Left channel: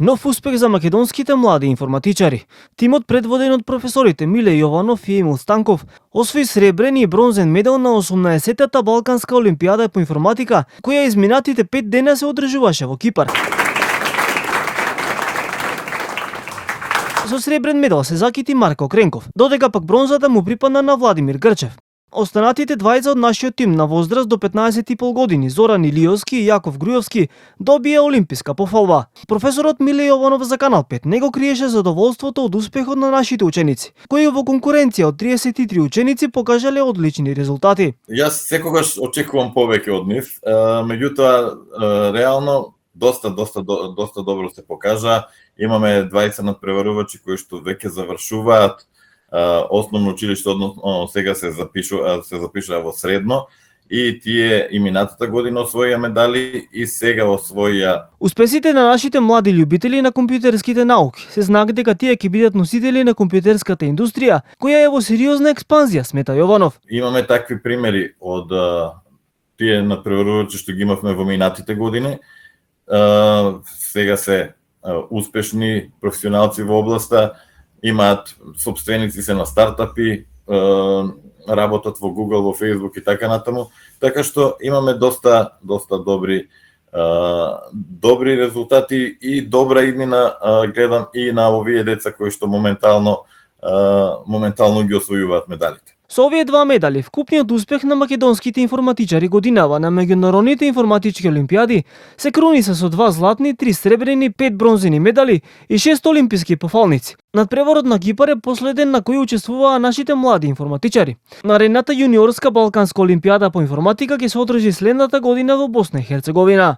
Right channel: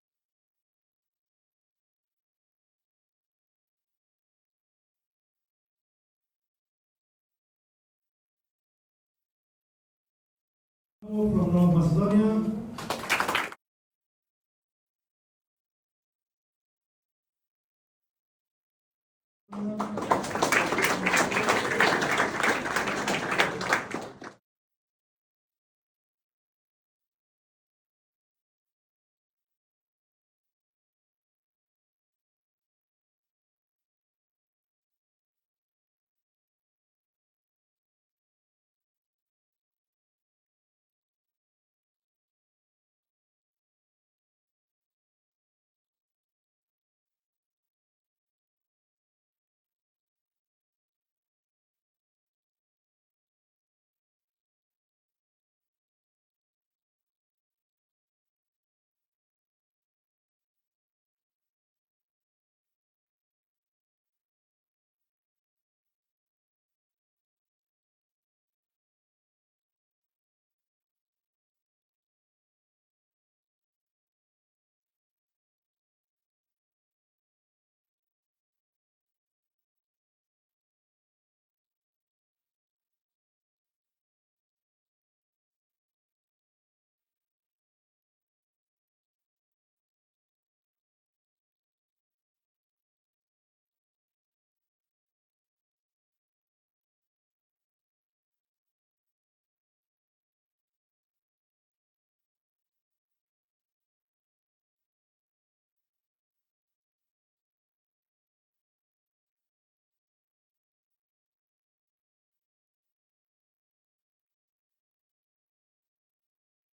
Нов успех за македонските млади информатичари. Тимот предводен од професорите Миле Јованов и Емил Станков освои сребрен и бронзен медал на 18-тата Балканска олимпијада по информатика, која изминатите 5 дена се одржуваше во Кипар. Со сребрен медал се закити Марко Кренков, додека пак бронзата му припадна на Владимир Грчев. Останатите двајца од нашиот тим на возраст до 15,5 години, Зоран Илиовски и Јаков Грујовски, добија олимписка пофалба. Професорот Миле Јованов за Канал 5 не го криеше задоволството од успехот на нашите ученици, кои во конкуренција од 33 ученици покажале одлични резултати. Јас секогаш очекувам повеќе од нив, меѓутоа реално доста добро се покажа. Имаме 20 надпреварувачи кои што веќе завршуваат основно училиште, односно сега се запишува во средно, и тие и минатата година освоија медали и сега освоија. Успесите на нашите млади љубители на компјутерските науки се знак дека тие ќе бидат носители на компјутерската индустрија, која е во сериозна експанзија, смета Јованов. Имаме такви примери од тие надпреварувачи што ги имавме во минатите години. Сега се успешни професионалци во областа, имаат сопственици се на стартапи, работат во Google, во Facebook и така натаму, така што имаме доста добри резултати и добра иднина, гледам и на овие деца кои што моментално ги освојуваат медалите. Со овие два медали, вкупниот успех на македонските информатичари годинава на меѓународните информатички олимпијади се круниса со 2 златни, 3 сребрени, 5 бронзени медали и 6 олимписки пофалници. Надпреварот на Кипар е последен на кој учествуваа нашите млади информатичари. Наредната јуниорска Балканска олимпијада по информатика ќе се одржи следната година во Босна и Херцеговина.